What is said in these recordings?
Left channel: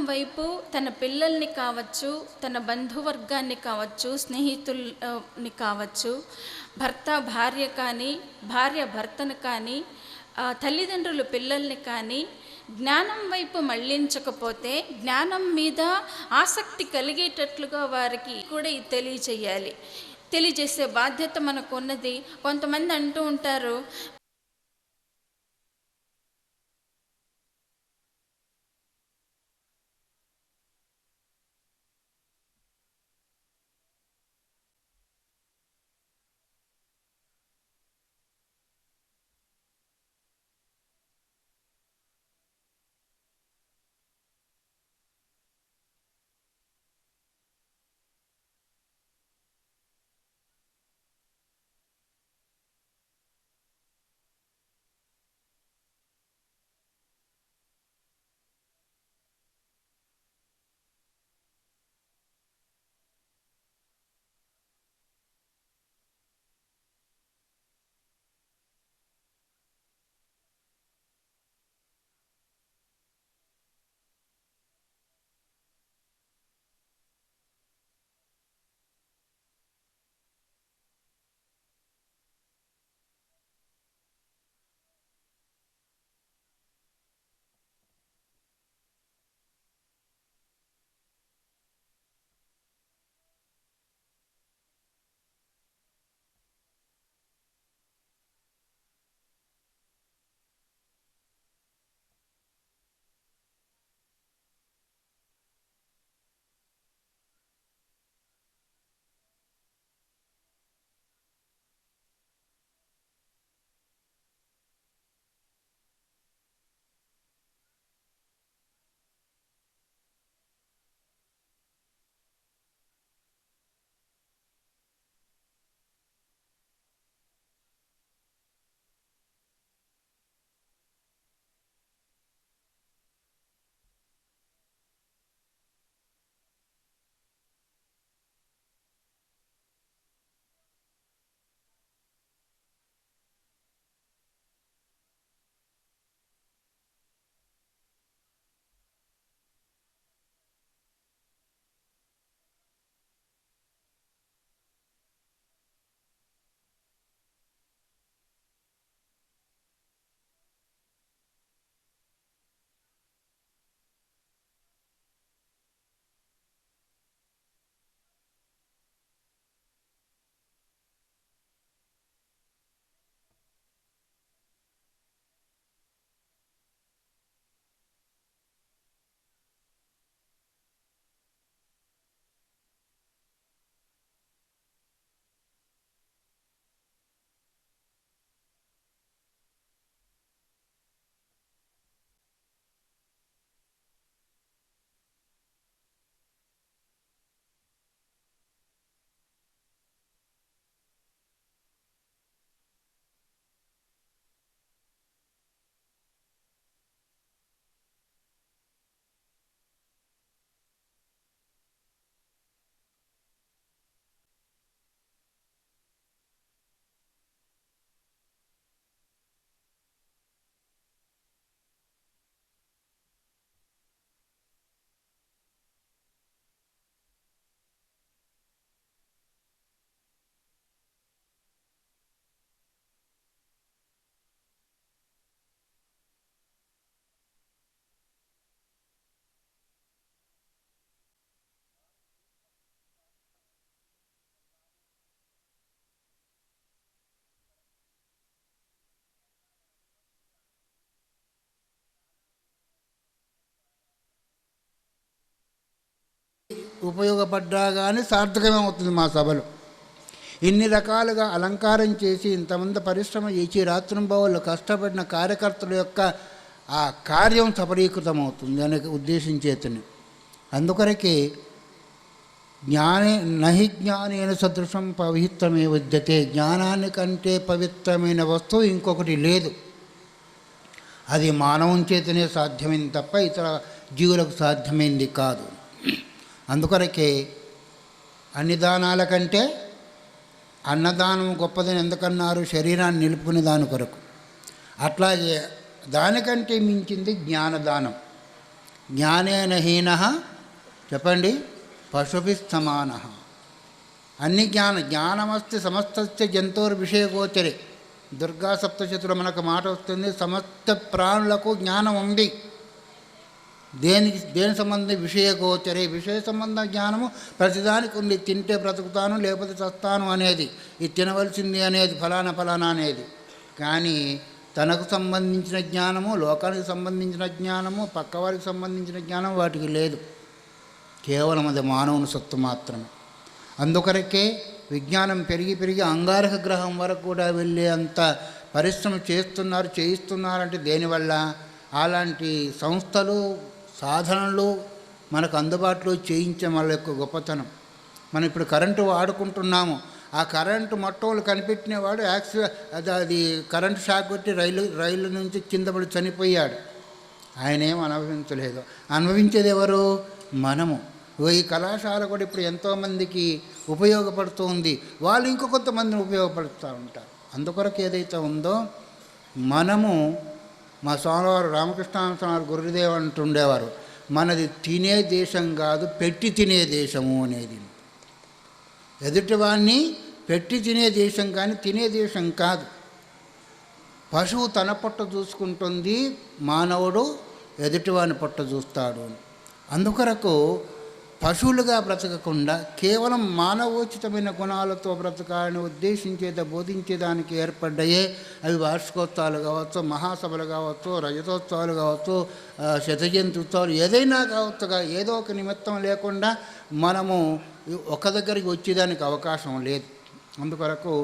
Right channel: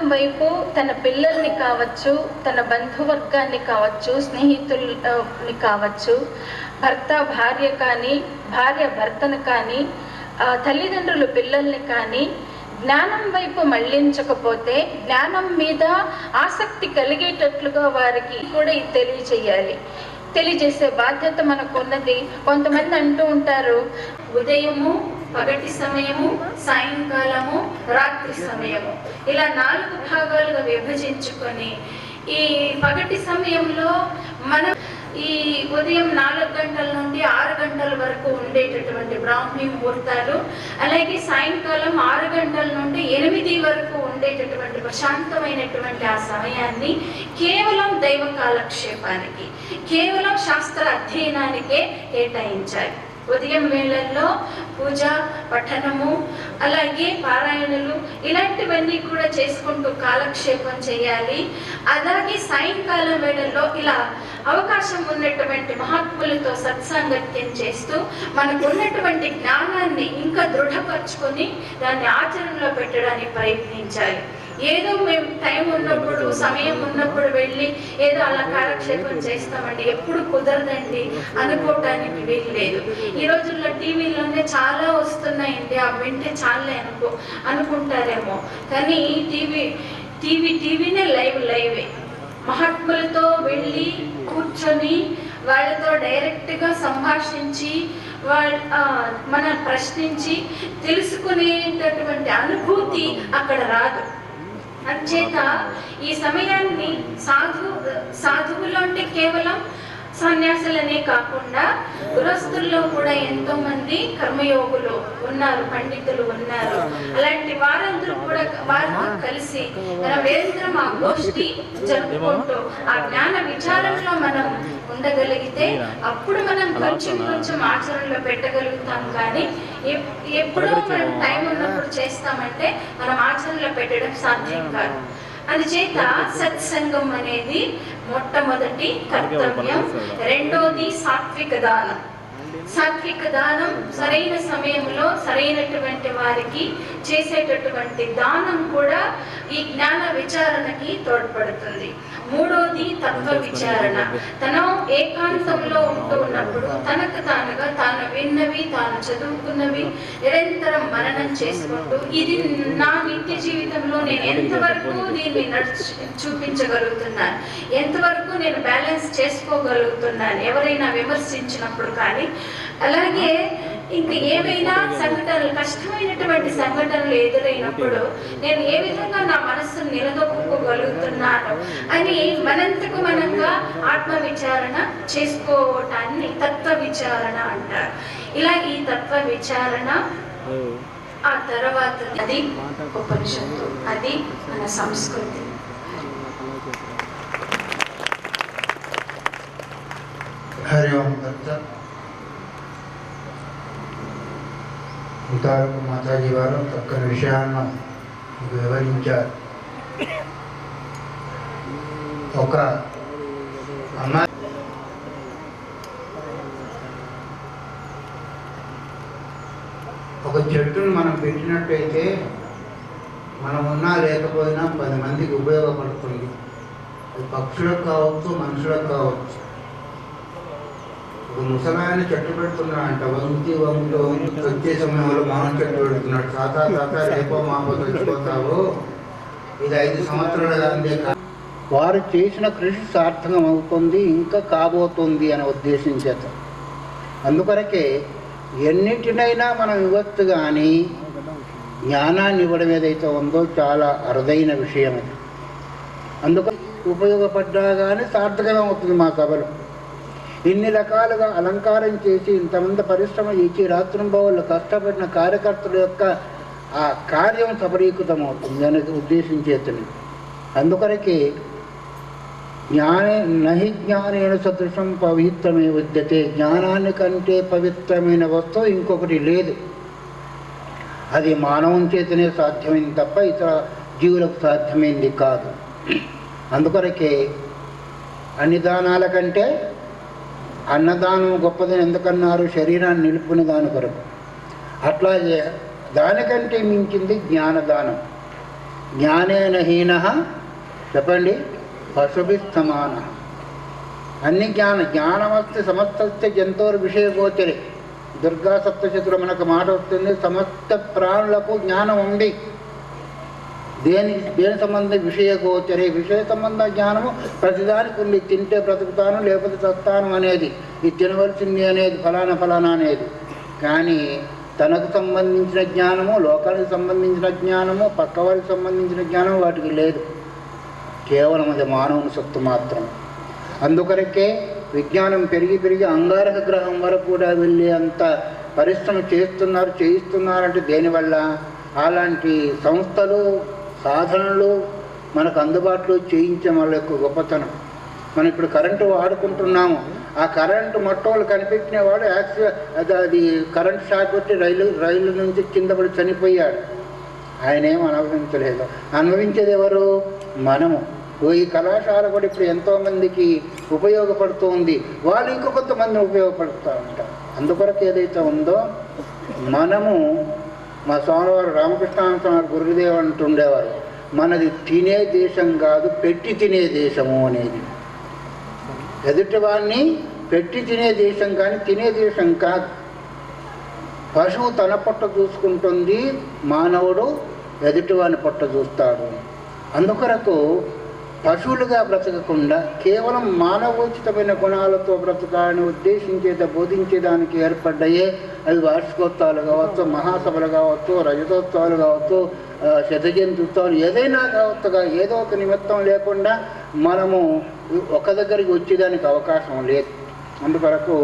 జ్ఞానం వైపు తన పిల్లల్ని కావచ్చు, తన బంధువర్గాన్ని కావచ్చు, స్నేహితుల్ని కావచ్చు, భర్త భార్య కానీ, భార్య భర్తను కానీ, తల్లిదండ్రులు పిల్లల్ని కానీ జ్ఞానం వైపు మళ్లించకపోతే జ్ఞానం మీద ఆసక్తి కలిగేటట్లుగా వారికి కూడా తెలియజేయాలి. తెలియజేసే బాధ్యత మనకు ఉన్నది. కొంతమంది అంటూ ఉంటారు, ఉదయము, పగటి సమయము, సాయంకాలము, రాత్రి సమయము, ఇలా 4 భాగాలుగా విభజించుకొని ఈ పగటి సమయంలో మనం ఈ ఉదయం 4 గంటల నుండి 6 గంటల వరకు ఉండేటటువంటి బ్రాహ్మీ ముహూర్తాలు, అలాగే సాయంకాలం 6 గంటల నుండి 8 వరకు ఉండేటటువంటి ప్రశాంతమైనటువంటి ఆ సమయాన్ని కేవలం దైవ కాలక్షేపానికి, కేవలం శాస్త్ర అధ్యయనానికే కేటాయించాలి. ఉదయం వేళల్లో పూజ, పఠనము, అలాగే పారాయణలు ఇలాంటివన్నీ కూడా చేసుకుంటూ కాలక్షేపం చేయాలి. అలాగే సాయంకాలం వేళల్లో ఇలా అవకాశం ఉన్నటువంటి మహాత్ములతో సత్సాంగత్యం చేస్తూ మనకు ఉన్నటువంటి జ్ఞానాన్ని ఇంకా దృఢపరచుకొని దాన్ని ఆచరణలో పెట్టడానికి ప్రయత్నించాలి. ఏదో మేము టైం ఉన్నప్పుడు, సమయం ఉన్నప్పుడు వెళ్ళి ఏదో అలా కాలక్షేపం చేస్తామండి, ఎప్పుడు కుదరదండి అనుకోవటానికి వీలు లేదు. ఈ రోజుల్లో టీవీలోనే చాలా వస్తున్నాయండి, అవి వింటే చాలే అనుకుంటారేమో, కానీ టీవీనే లైవే. మహాత్ములతో వెళ్ళి కూర్చొని వాళ్ళతో డైరెక్ట్గా సంభాషించి మన ప్రశ్నించి తెలుసుకునేటటువంటి అనుభూతి అక్కడ రాదు. అంచేత ఈ సమయాన్ని సాధువులు అంటే కేవలం సన్యాసులనే కాకుండా గృహస్థుల్లో కూడా ఎంతో మంది కర్మయోగులు ఉన్నారు, పండితులు ఉన్నారు. అలాంటి వారందరూ కూడా వారితో కలిసి మన వేరంతరం ఆ గోష్ఠి జరుపుకుంటూ ఆ జ్ఞాన విచారంలో మనం ఉండగలిగితే అప్పుడు మనం కొంచెం ఆచరణలో పెట్టగలుగుతాం. కానీ ఎప్పుడో మనం టైం ఉన్నప్పుడు చేస్తామంటే మనం ఆచరణలో పెట్టడం సాధ్యం కాదు. అందుచేత సత్సంగం అనేది మొట్టమొదటి కర్తవ్యం. రెండోది సాత్విక దానం. సాత్విక దానం సరైన సమయంలో సరైనటువంటి వారికి చేసేటటువంటి దానం కూడా ఈ జ్ఞాన విచారణకి తోడ్పడుతుంది. మూడోది తత్వ విచారణ. తను ఏకాంతంలో ఉంటూ ఉన్నప్పుడు తనకు తానుగా తాను విన్నవి, తాను చదువుకున్నవి నిరంతరం మననం చేసుకుంటూ ఇది నా నిత్య జీవితంలో నేను ఎంతవరకు దీన్ని చూపించగలుగుతున్నాను, ఎంతవరకు నేను బ్యాలెన్స్ చేసుకోగలుగుతున్నాను ఎవరైనా విమర్శించినప్పుడు కానీ, అలాగే ఇంక ఏవైనా సంఘటనలు, కష్టమైనటువంటి సంఘటనలు ఎదురైనప్పుడు నేను ఏ విధంగా నా మనస్సును నిలదొక్కుకోగలుగుతున్నాను అని మనంతకు మనంగా ఆత్మ విచారణ చేసుకోవటాన్ని తత్వ విచారణ అంటారు. ఇలా ఈ తత్వ విచారణ ఆ తర్వాత అది ఉపనిషత్తు, అది మన సంస్కృతి. హరి ఓం ఇంతవరకు మాతాజీ వారు చక్కని విషయాలను వివరించారు. ఒక అమ్మాయి ఒక చెట్టును మనం పెట్టినట్టయితే మనం ఉన్నా లేకపోయినా 10 మందికి ఉపయోగపడుతుంది. అది పక్షులకు కావచ్చు, మనుషులకు కావచ్చు. ఒక ముసలాయన చెట్టు పెడుతున్నాడంట, వంగి వచ్చే సమయంలో మామూలు చెట్టు పెడుతున్నాడు. తాత రేపో మాపో చచ్చిపోతావు, ఇది 5 సంవత్సరాల అందే. వారు చేసిన కృషి సార్థకం అవుతుంది, ఇంకా కాబోతుంది అని ఉద్దేశించేత. అందుకొరకే ఎన్నింటినైనా మనం ఇవ్వచ్చు, కానీ జ్ఞానాన్ని ఇవ్వడం ఏదైతే ఉందో చాలా అరుదైన విషయం అది. అందుకని ఉపయోగపడ్డా కానీ సార్థకం అవుతుంది. మా సభలు ఇన్ని రకాలుగా అలంకారం చేసి ఇంతమంది పరిశ్రమ ఇచ్చి రాత్రింబవళ్ళు కష్టపడిన కార్యకర్తల యొక్క ఆ కార్యం సఫలీకృతం అవుతుంది దానికి ఉద్దేశించేతని. అందుకొరకే నహి జ్ఞానేన సదృశం పవిత్రమే విద్యతే. జ్ఞానాన్ని కంటే పవిత్రమైన వస్తువు ఇంకొకటి లేదు. అది మానవం చేతనే సాధ్యమైంది తప్ప ఇతర జీవులకు సాధ్యమైంది కాదు. అందుకొరకే అన్ని దానాల కంటే అన్నదానం గొప్పదని ఎందుకన్నారు? శరీరాన్ని నిలుపుకునే దాని కొరకు. అట్లాగే దానికంటే మించింది జ్ఞానదానం. జ్ఞానేన హీనః చెప్పండి పశుభిస్తమాన. అన్ని జ్ఞానమస్తి సమస్తస్య జంతువుల విషయగోచరే. దుర్గా సప్తశతిలో మనకు మాట వస్తుంది, సమస్త ప్రాణులకు జ్ఞానం ఉంది. దేని సంబంధం విషయగోచరే. విషయ సంబంధ జ్ఞానము ప్రతిదానికి ఉంది. తింటే బ్రతుకుతాను లేకపోతే చస్తాను అనేది, ఇది తినవలసింది అనేది, ఫలానా అనేది. కానీ తనకు సంబంధించిన జ్ఞానము, లోకానికి సంబంధించిన జ్ఞానము, పక్కవారికి సంబంధించిన జ్ఞానం వాటికి లేదు. కేవలం అది మానవుని సత్తు మాత్రం. అందుకొరకే విజ్ఞానం పెరిగి అంగారక గ్రహం వరకు కూడా వెళ్ళే అంత పరిశ్రమ చేయిస్తున్నారంటే దేనివల్ల? అలాంటి సంస్థలు, సాధనలు మనకు అందుబాటులో చేయించే వాళ్ళ యొక్క గొప్పతనం. మనం ఇప్పుడు కరెంటు వాడుకుంటున్నాము. ఆ కరెంటు మొట్టమొదటి కనిపెట్టిన వాడు అది కరెంటు షాక్ కొట్టి రైలు నుంచి కింద పడి చనిపోయాడు. ఆయన ఏం అనుభవించలేదు. అనుభవించేది ఎవరు? మనము. ఈ కళాశాల కూడా ఇప్పుడు ఎంతోమందికి ఉపయోగపడుతూ ఉంది. వాళ్ళు ఇంకో కొంతమందిని ఉపయోగపడుతూ ఉంటారు. అందుకొరకు ఏదైతే ఉందో మనము, మా స్వామివారు రామకృష్ణ గురుదేవ్ అంటుండేవారు, మనది తినే దేశం కాదు పెట్టి తినే దేశము అనేది. ఎదుటివాడిని పెట్టి తినే దేశం కానీ తినే దేశం కాదు. పశువు తన పొట్ట చూసుకుంటుంది, మానవుడు ఎదుటివాడిని పొట్ట చూస్తాడు. అందుకొరకు పశువులుగా బ్రతకకుండా కేవలం మానవోచితమైన గుణాలతో బ్రతకాలని బోధించేదానికి ఏర్పడ్డాయే అవి వార్షికోత్సవాలు కావచ్చు, మహాసభలు కావచ్చు, రజతోత్సవాలు కావచ్చు, శతజయంత్యుత్సవాలు ఏదైనా కావచ్చుగా. ఏదో ఒక నిమిత్తం లేకుండా మనము ఒక దగ్గరికి వచ్చేదానికి అవకాశం లేదు. అందుకొరకు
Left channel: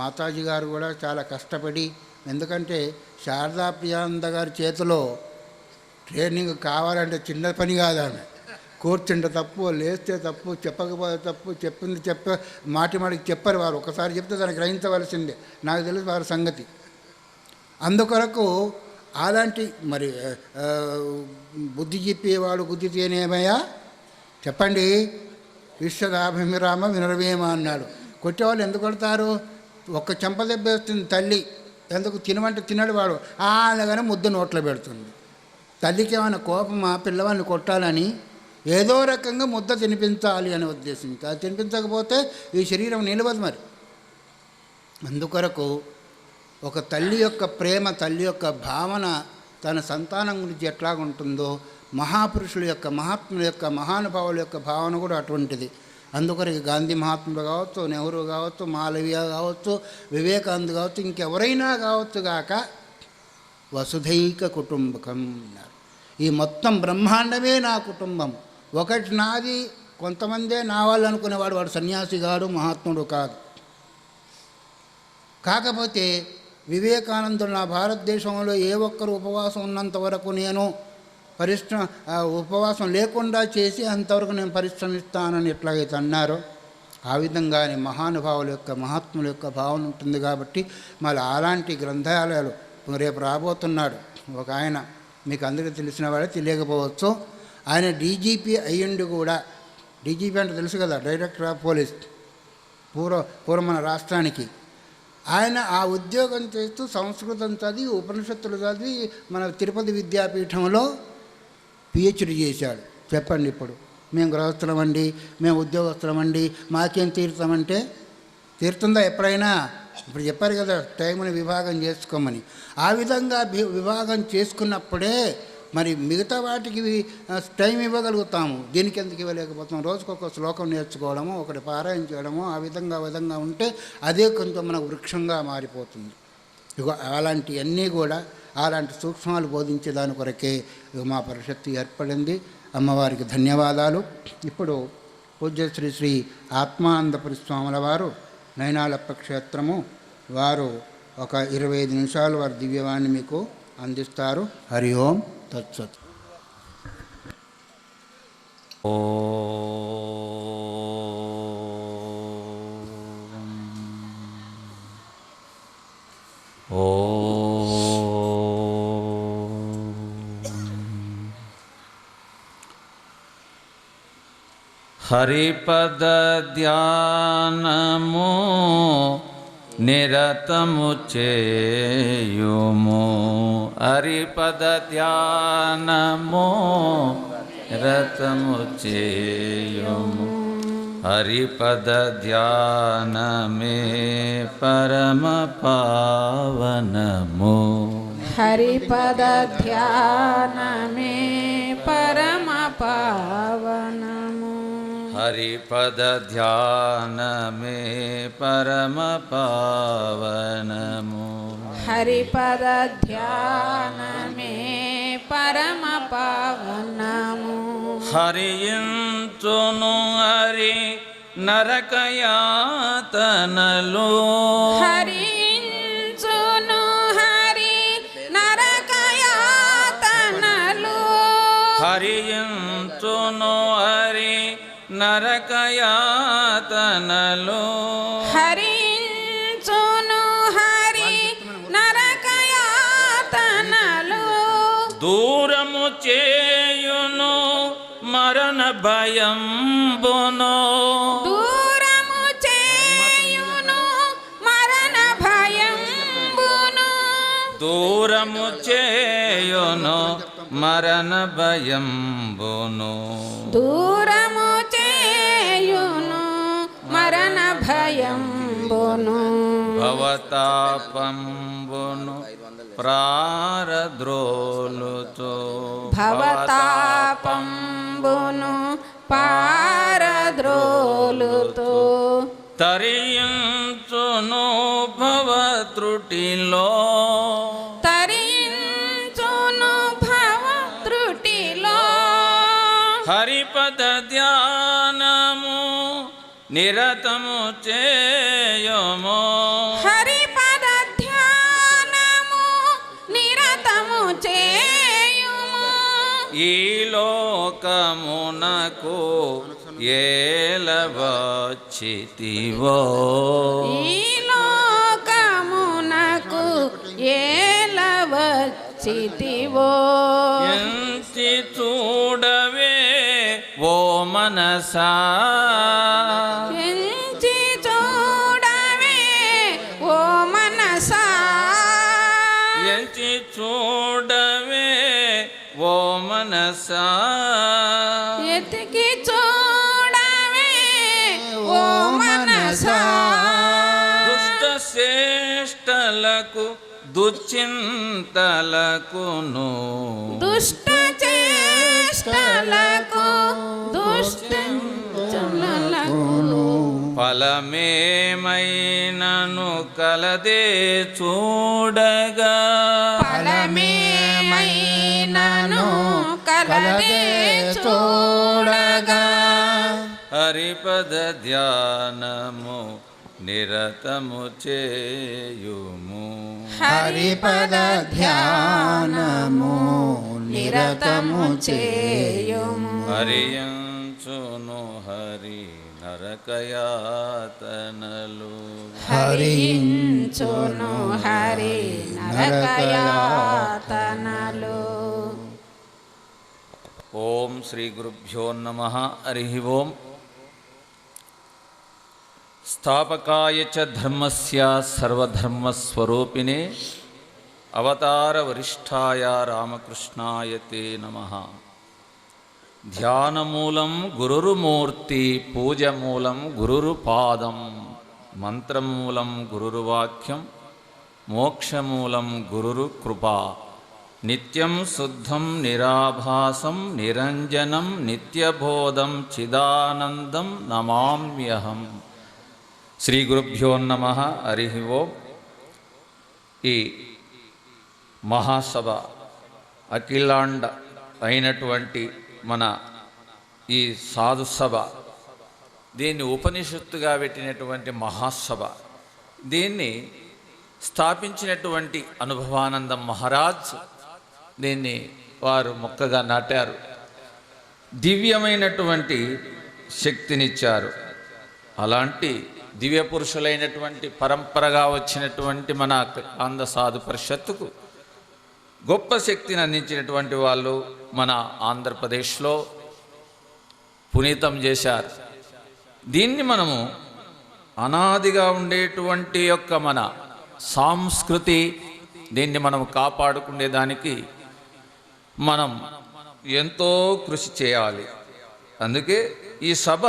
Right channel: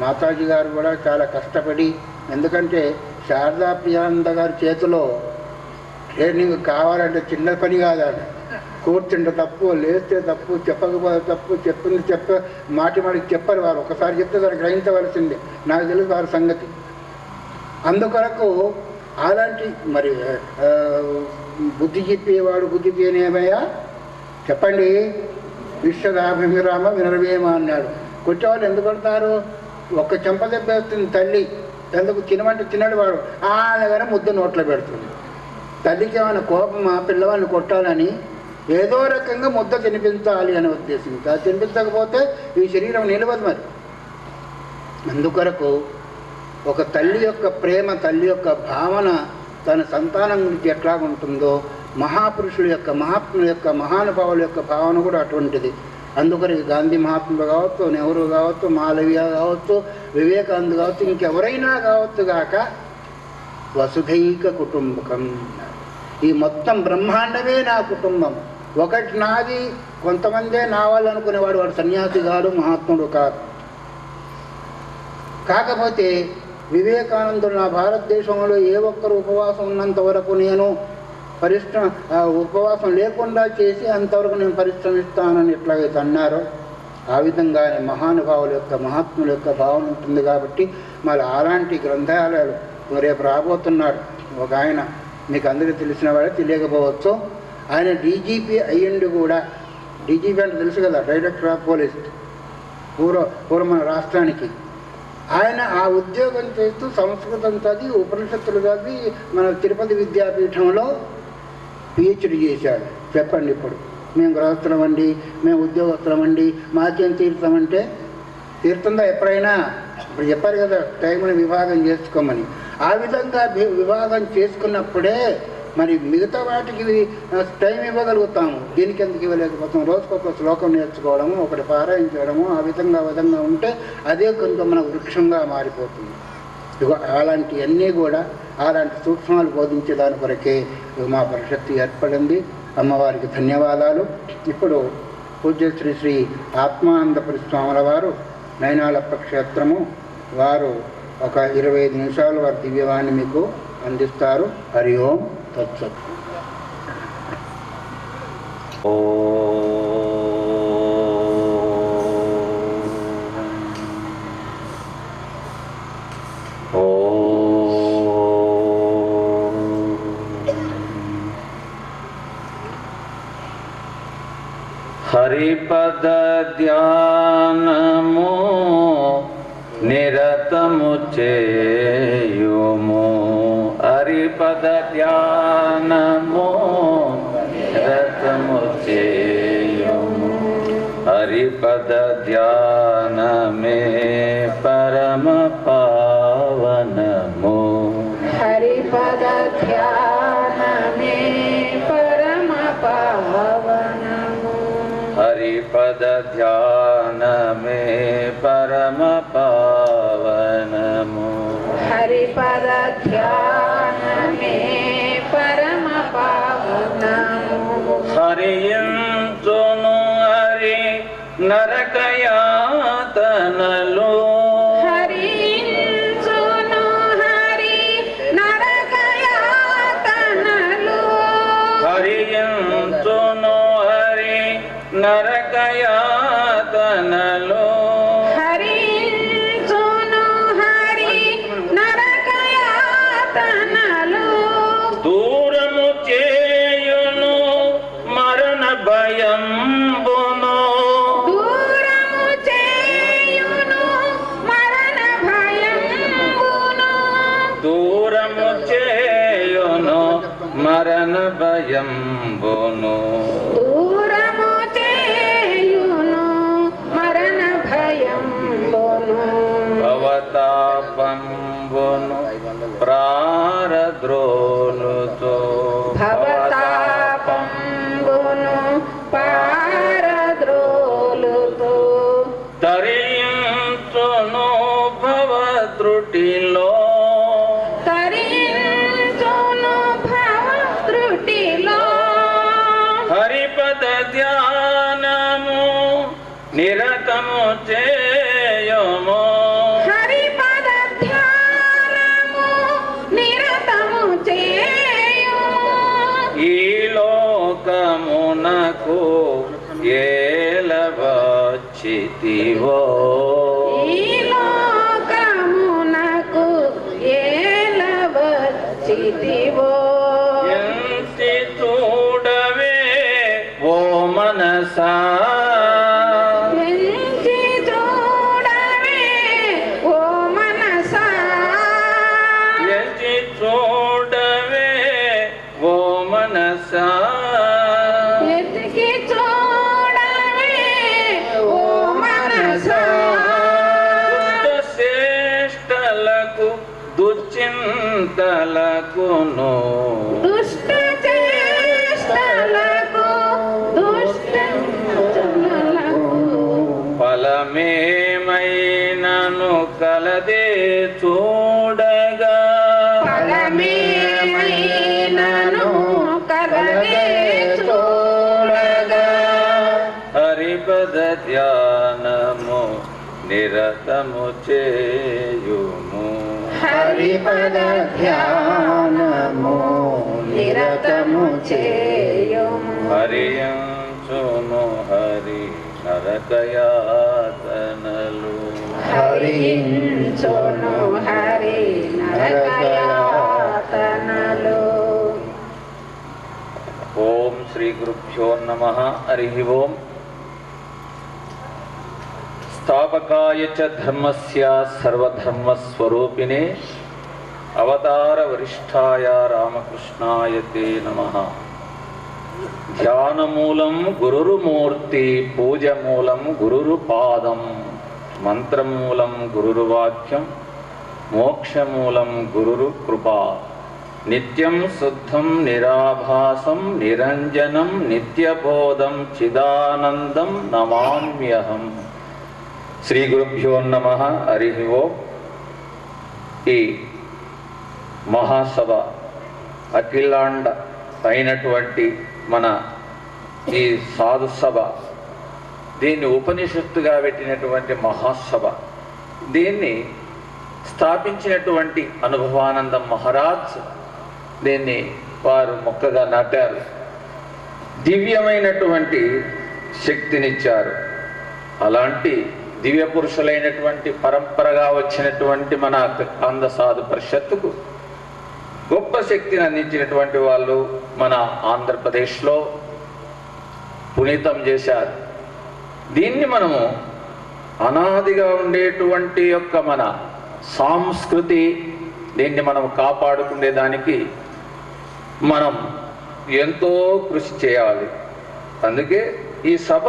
మాతాజీ గారు కూడా చాలా కష్టపడి, ఎందుకంటే శారదా ప్రియానంద గారి చేతిలో ట్రైనింగ్ కావాలంటే చిన్న పని కాదని, కూర్చుంటే తప్పు, లేస్తే తప్పు, చెప్పకపోతే తప్పు, చెప్పింది మాటికి చెప్పరు వారు. ఒకసారి చెప్తే దాన్ని గ్రహించవలసిందే. నాకు తెలియదు వారి సంగతి. అందుకొరకు అలాంటి మరి బుద్ధి చెప్పేవాడు బుద్ధి తినేవయ్యా చెప్పండి. విశ్వగాభిరామ వినవేమ అన్నాడు. కొట్టేవాళ్ళు ఎందుకు కొడతారు? ఒక్క చెంప దెబ్బ వస్తుంది తల్లి, ఎందుకు తినమంటే తినడు వాడు, అనగానే ముద్దు నోట్లో పెడుతుంది. తల్లికి ఏమైనా కోపం ఆ పిల్లవాడిని కొట్టాలని ఏదో రకంగా ముద్ద తినిపించాలి అనే ఉద్దేశం. తినిపించకపోతే ఈ శరీరం నిలవదు. మరి అందుకొరకు ఒక తల్లి యొక్క ప్రేమ, తల్లి యొక్క భావన తన సంతానం గురించి ఎట్లా ఉంటుందో మహాపురుషుల యొక్క, మహాత్ముల యొక్క, మహానుభావుల యొక్క భావన కూడా అటువంటిది. అందుకొరకు గాంధీ మహాత్ములు కావచ్చు, నెహ్రూ కావచ్చు, మాలవీయ కావచ్చు, వివేకానంద కావచ్చు, ఇంకెవరైనా కావచ్చు గాక వసుధైక కుటుంబకం. ఈ మొత్తం బ్రహ్మాండమే నా కుటుంబం. ఒకటి నాది, కొంతమందే నా వాళ్ళు అనుకునేవాడు. వాడు సన్యాసి కాదు, మహాత్ముడు కాదు. కాకపోతే వివేకానందుడు నా భారతదేశంలో ఏ ఒక్కరు ఉపవాసం ఉన్నంత వరకు నేను ఉపవాసం లేకుండా చేసి అంతవరకు నేను పరిశ్రమిస్తానని ఎట్లాగైతే అన్నారో ఆ విధంగానే మహానుభావుల యొక్క, మహాత్ముల యొక్క భావన ఉంటుంది. కాబట్టి మరి అలాంటి గ్రంథాలయాలు రేపు రాబోతున్నాడు ఒక ఆయన. మీకు అందరికీ తెలిసిన వాడే, తెలియకపోవచ్చు. ఆయన డీజీపీ అయ్యిండి కూడా. డీజీపీ అంటే తెలుసు కదా, డైరెక్టర్ ఆఫ్ పోలీస్ పూర్వ మన రాష్ట్రానికి. ఆయన ఆ ఉద్యోగం చేస్తూ సంస్కృతం చదివి, ఉపనిషత్తులు చదివి మన తిరుపతి విద్యాపీఠంలో పిహెచ్డి చేశాడు. చెప్పండి ఇప్పుడు మేము గృహస్థులం అండి, మేము ఉద్యోగస్తులం అండి, మాకేం తీరుతామంటే తీరుతుందా ఎప్పుడైనా? ఇప్పుడు చెప్పారు కదా టైంని విభాగం చేసుకోమని. ఆ విధంగా విభాగం చేసుకున్నప్పుడే మరి మిగతా వాటికి టైం ఇవ్వగలుగుతాము. దీనికి ఎందుకు ఇవ్వలేకపోతాం? రోజుకొక శ్లోకం నేర్చుకోవడము, ఒకటి పారాయణించడము, ఆ విధంగా ఉంటే అదే కొంత మన వృక్షంగా మారిపోతుంది. అలాంటివన్నీ కూడా అలాంటి సూక్ష్మాలు బోధించే దాని కొరకే మా పరిషత్తు ఏర్పడింది. అమ్మవారికి ధన్యవాదాలు. ఇప్పుడు పూజ్య శ్రీ శ్రీ ఆత్మానందపురి స్వాముల వారు నైనాలప్ప క్షేత్రము వారు ఒక 25 నిమిషాలు వారి దివ్యవాణి మీకు అందిస్తారు. హరి ఓం తత్సత్. హరిపద ధ్యానము నిరతము చేయుము. హరిపద ధ్యానము నిరతము చేయుము. హరిపద ధ్యానమే పరమ పావనము. హరిపద ధ్యానమే పరమ పావనము. హరిపద ధ్యానమే పరమ పావనము. హరిపద ధ్యానమే పరమ పావనము. హరియించును హరి నరకయాతనలు. హరించును హరి నరకయాతనలు. హరియించును హరి నరకయాతనలు. హరించును హరి నరకయాతనలు. దూరము చేయును మరణ భయంబును. దూరము చేయును మరణ భయంబును. దూరము చేయును మరణ భయంబును. దూరము చేయును మరణ భయంబును. భవతాపంబును ప్రారద్రోలుతో. భవతాపంబును పారద్రోలుతో. తరించును భవత్రుటిలో. తరించును భవత్రుటిలో. హరిపద ధ్యానము నిరతము చేయుము. హరిపద ధ్యానము నిరతము చేయుము. ఈ లోకమునకు ఏలవచ్చితివో. ఈ లోకమునకు ఏలవచ్చితివో. ఎంచి చూడవే ఓ మనసా. ఎంచి చూడవే ఓ మనసా. ఎంచి చూడవే ఓ మనసా. ఎతికి చూడవే ఓ మనసా. దుష్ట శ్రేష్టలకు దుశ్చింతలకును. దుష్ట చేష్టలకు దుష్టంచలకు. ఫలమేమైనను కలదే చూడగా. ఫలమేమైనను కలదే చూడగా. హరిపద ధ్యానము నిరతము చేయుము. హరిపద ధ్యానము నిరతము చేయుము. హరియంచును హరి నరకయాతనలు. హరించును హరి నరకయాతనలు. ఓం శ్రీ గురుభ్యో నమః. హరి ఓం. స్థాపకాయ చ ధర్మస్య సర్వధర్మస్వరూపిణే అవతార వరిష్ఠాయ రామకృష్ణాయ తే నమః. ధ్యానమూలం గురుర్మూర్తి, పూజమూలం గురుర్పాదం, మంత్రమూలం గురుర్వాక్యం, మోక్షమూలం గురుర్కృపా. నిత్యం శుద్ధం నిరాభాసం నిరంజనం నిత్యబోధం చిదానందం నమామ్యహం. శ్రీ గురుభ్యో నమః. హరి ఓం. ఈ మహాసభ అఖిలాండ అయినటువంటి మన ఈ సాధు సభ, దీన్ని ఉపనిషత్తుగా పెట్టినటువంటి మహాసభ, దీన్ని స్థాపించినటువంటి అనుభవానంద మహారాజ్ దీన్ని వారు మొక్కగా నాటారు. దివ్యమైనటువంటి శక్తినిచ్చారు. అలాంటి దివ్య పురుషులైనటువంటి పరంపరగా వచ్చినటువంటి మన ఆంధ్ర సాధు పరిషత్తుకు గొప్ప శక్తిని అందించినటువంటి వాళ్ళు మన ఆంధ్రప్రదేశ్లో పునీతం చేశారు. దీన్ని మనము అనాదిగా ఉండేటువంటి యొక్క మన సంస్కృతి, దీన్ని మనం కాపాడుకునేదానికి మనం ఎంతో కృషి చేయాలి. అందుకే ఈ సభ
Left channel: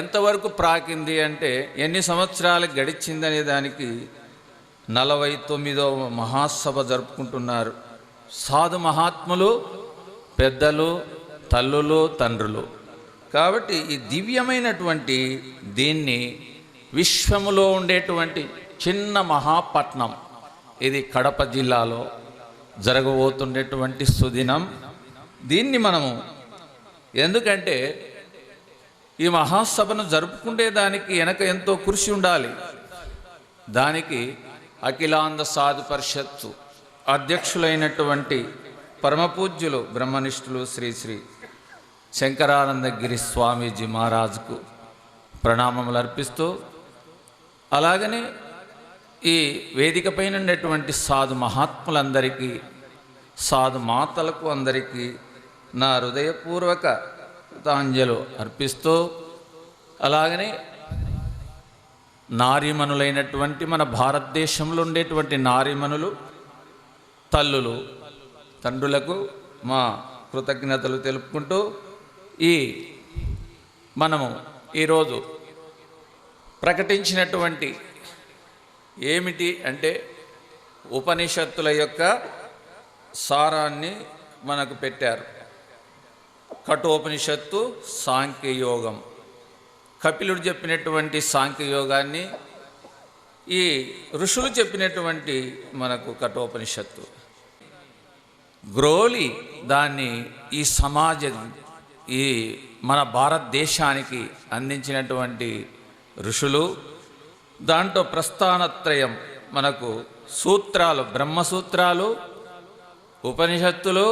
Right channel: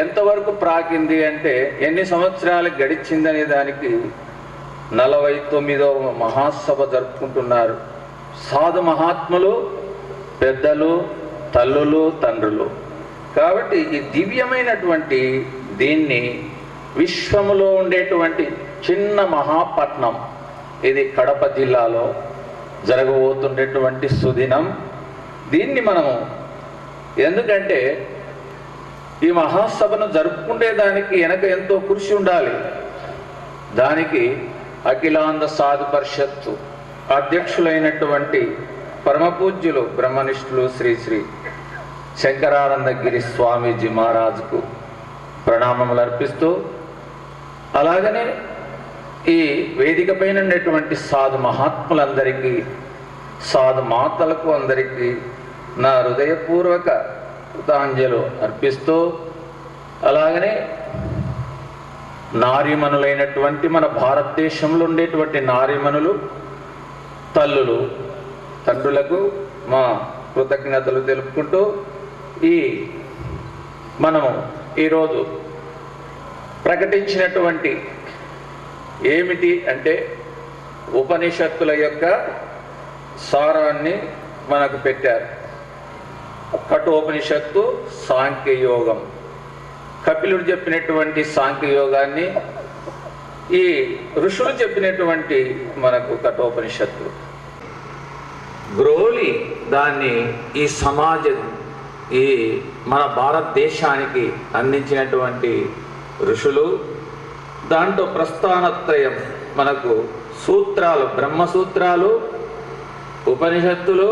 ఎంతవరకు ప్రాకింది అంటే ఎన్ని సంవత్సరాలు గడిచిందనే దానికి 49వ మహాసభ జరుపుకుంటున్నారు. సాధు మహాత్ములు, పెద్దలు, తల్లులు, తండ్రులు. కాబట్టి ఈ దివ్యమైనటువంటి దీన్ని విశ్వములో ఉండేటువంటి చిన్న మహాపట్నం ఇది కడప జిల్లాలో జరగబోతుండేటువంటి సుదినం. దీన్ని మనము ఎందుకంటే ఈ మహాసభను జరుపుకునే దానికి వెనక ఎంతో కృషి ఉండాలి. దానికి అఖిలాంధ్ర సాధు పరిషత్తు అధ్యక్షులైనటువంటి పరమపూజ్యులు బ్రహ్మనిష్ఠులు శ్రీ శ్రీ శంకరానందగిరి స్వామీజీ మహారాజుకు ప్రణామములు అర్పిస్తూ, అలాగనే ఈ వేదిక పైన ఉన్నటువంటి సాధు మహాత్ములందరికీ, సాధు మాతలకు అందరికీ నా హృదయపూర్వక కృతాంజలు అర్పిస్తూ, అలాగనే నారీమణులైనటువంటి మన భారతదేశంలో ఉండేటువంటి నారీమణులు, తల్లులు, తండ్రులకు మా కృతజ్ఞతలు తెలుపుకుంటూ, మనం ఈరోజు ప్రకటించినటువంటి ఏమిటి అంటే ఉపనిషత్తుల యొక్క సారాన్ని మనకు పెట్టారు. కఠోపనిషత్తు సాంఖ్యయోగం, కపిలుడు చెప్పినటువంటి సాంఖ్యయోగాన్ని ఈ ఋషులు చెప్పినటువంటి మనకు కఠోపనిషత్తు గ్రోలి దాన్ని ఈ సమాజం ఈ మన భారతదేశానికి అందించినటువంటి ఋషులు. దాంట్లో ప్రస్థానత్రయం మనకు సూత్రాలు, బ్రహ్మసూత్రాలు, ఉపనిషత్తులు.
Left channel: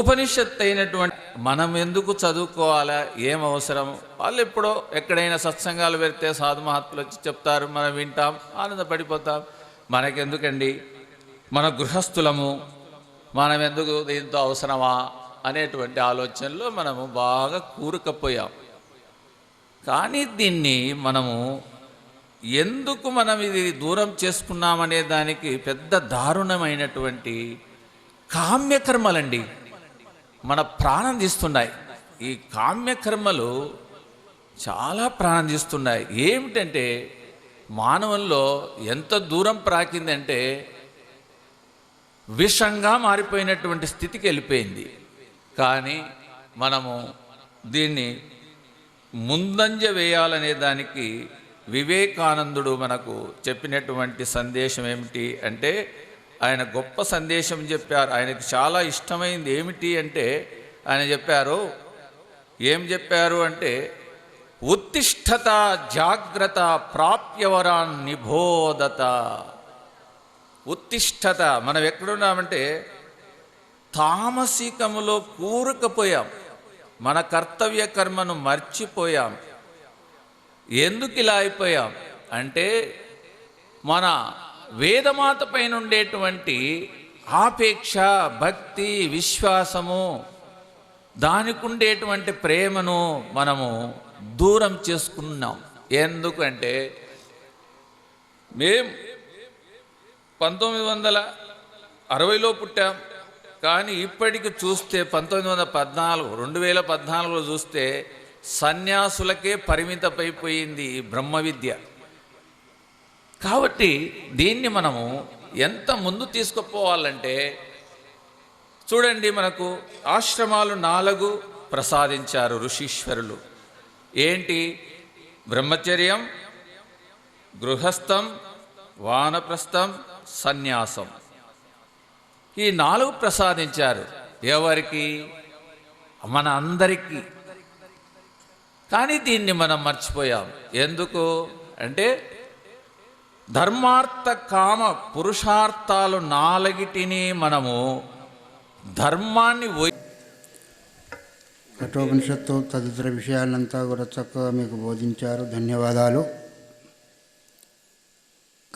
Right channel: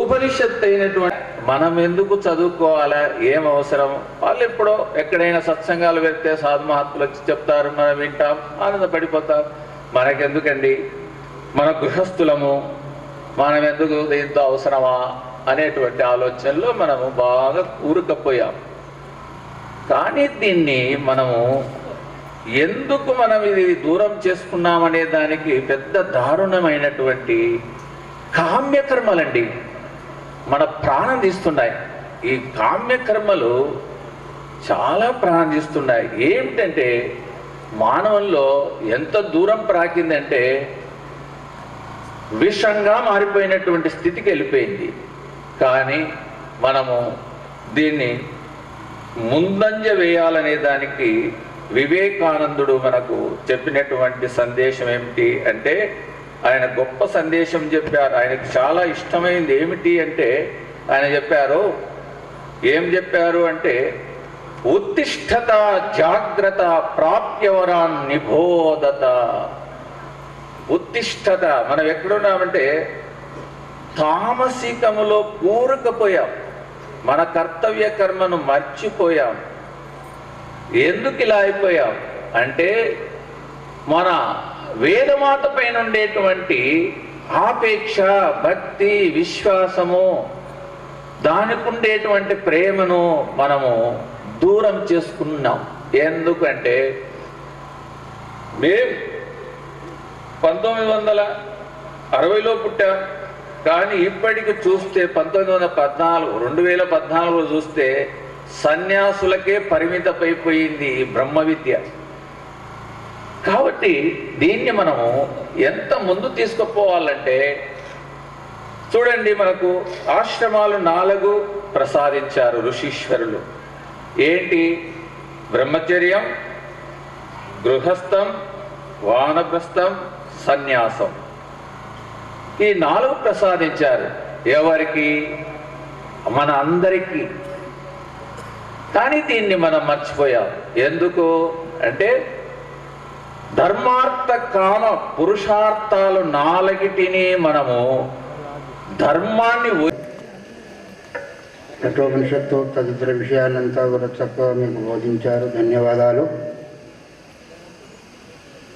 ఉపనిషత్తు అయినటువంటి మనం ఎందుకు చదువుకోవాలా, ఏం అవసరం? వాళ్ళు ఎప్పుడో ఎక్కడైనా సత్సంగాలు పెడితే సాధు మహాత్ములు వచ్చి చెప్తారు, మనం వింటాం, ఆనందపడిపోతాం. మనకెందుకండి, మన గృహస్థులము, మనం ఎందుకు దీంతో అవసరమా అనేటువంటి ఆలోచనలో మనము బాగా కూరుకుపోయాం. కానీ దీన్ని మనము ఎందుకు మనం ఇది దూరం చేసుకున్నామనే దానికి పెద్ద దారుణమైనటువంటి కామ్యకర్మలండి మన ప్రాణం తీస్తున్నాయి. ఈ కామ్యకర్మలు చాలా ప్రాణం తీస్తున్నాయి. ఏమిటంటే మానవుల్లో ఎంత దూరం ప్రాకిందంటే విషంగా మారిపోయినటువంటి స్థితికి వెళ్ళిపోయింది. కానీ మనము దీన్ని ముందంజ వేయాలనే దానికి వివేకానందుడు మనకు చెప్పినటువంటి సందేశం ఏమిటి అంటే, ఆయన గొప్ప సందేశం చెప్పారు. ఆయనకు చాలా ఇష్టమైంది ఏమిటి అంటే, ఆయన చెప్పారు, ఏం చెప్పారు అంటే, ఉత్తిష్ఠత జాగ్రత్త ప్రాప్యవరాన్ నిబోధత. ఉత్తిష్ఠత, మనం ఎక్కడున్నామంటే తామసికములో కూరుకుపోయాం, మన కర్తవ్య కర్మను మర్చిపోయాం. ఎందుకు ఇలా అయిపోయాం అంటే, మన వేదమాత పైన ఉండేటువంటి ఆపేక్ష, భక్తి, విశ్వాసము, దానికి ఉండేటువంటి ప్రేమను మనము దూరం చేసుకున్నాం. ఎందుకంటే మేము 1960లో పుట్టాం. కానీ ఇప్పటికి చూస్తే 2014లో చూస్తే సన్యాసులకే పరిమితమైపోయింది బ్రహ్మ విద్య. కాబట్టి దీన్ని మనము ఎంత ముందు తీసుకుపోవాలంటే, చూడండి, మనకు ఆశ్రమాలు 4 ప్రసాదించారు ఋషీశ్వరులు. ఏంటి? బ్రహ్మచర్యం, గృహస్థం, వానప్రస్థం, సన్యాసం. ఈ 4 ప్రసాదించారు. ఎవరికి? మన అందరికీ. కానీ దీన్ని మనం మర్చిపోయాం. ఎందుకు అంటే, ధర్మార్థ కామ పురుషార్థాలు 4టిని మనము ధర్మాన్ని కఠోపనిషత్తు తదితర విషయాలంతా కూడా చక్కగా మీకు బోధించారు. ధన్యవాదాలు.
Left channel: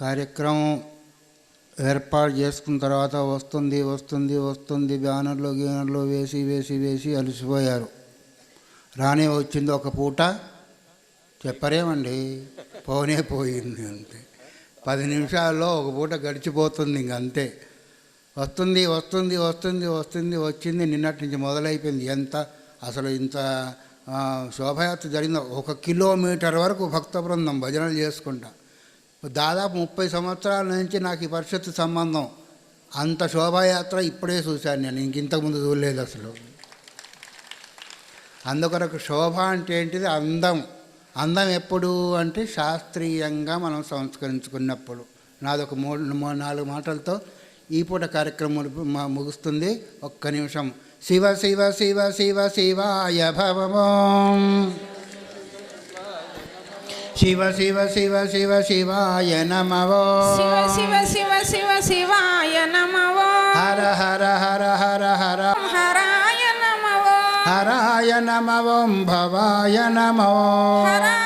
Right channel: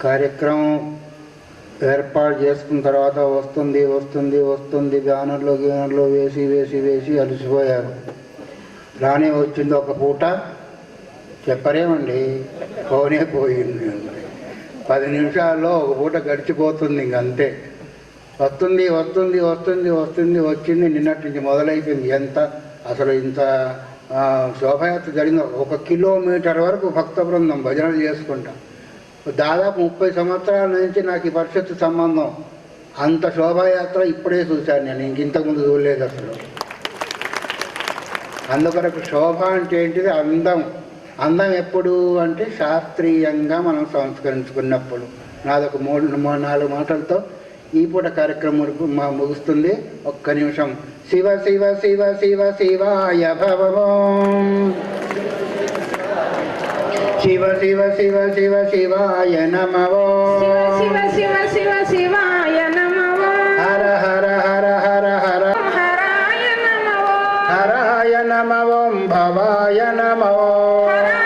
కార్యక్రమం ఏర్పాటు చేసుకున్న తర్వాత వస్తుంది బ్యానర్లో గీనర్లో వేసి అలసిపోయారు. రాని వచ్చింది ఒక పూట, చెప్పలేమండి, పోయింది. 10 నిమిషాల్లో ఒక పూట గడిచిపోతుంది. ఇంకంతే. వచ్చింది. నిన్నటి నుంచి మొదలైపోయింది. ఎంత అసలు ఇంత శోభయాత్ర జరిగిన 1 కిలోమీటర్ వరకు భక్త బృందం భజనలు చేసుకుంటాం. దాదాపు 30 సంవత్సరాల నుంచి నాకు ఈ పరిషత్ సంబంధం. అంత శోభాయాత్ర ఇప్పుడే చూశాను నేను, ఇంతకుముందు చూడలేదు అసలు. అందుకొరకు శోభ అంటే ఏంటిది? అందం. అందం ఎప్పుడు అంటే శాస్త్రీయంగా మనం సంస్కరించుకున్నప్పుడు. నాదొక 3-4 మాటలతో ఈ పూట కార్యక్రమం ముగుస్తుంది. ఒక్క నిమిషం. శివ శివ శివ శివ శివాయ భవం, శివ శివ శివ శివ శివాయ నమః, శివ శివ శివ శివ శివాయ నమః, హర హర హర హర హర హరాయ నమః, హరాయ నమః, భవాయ నమః, హరాయ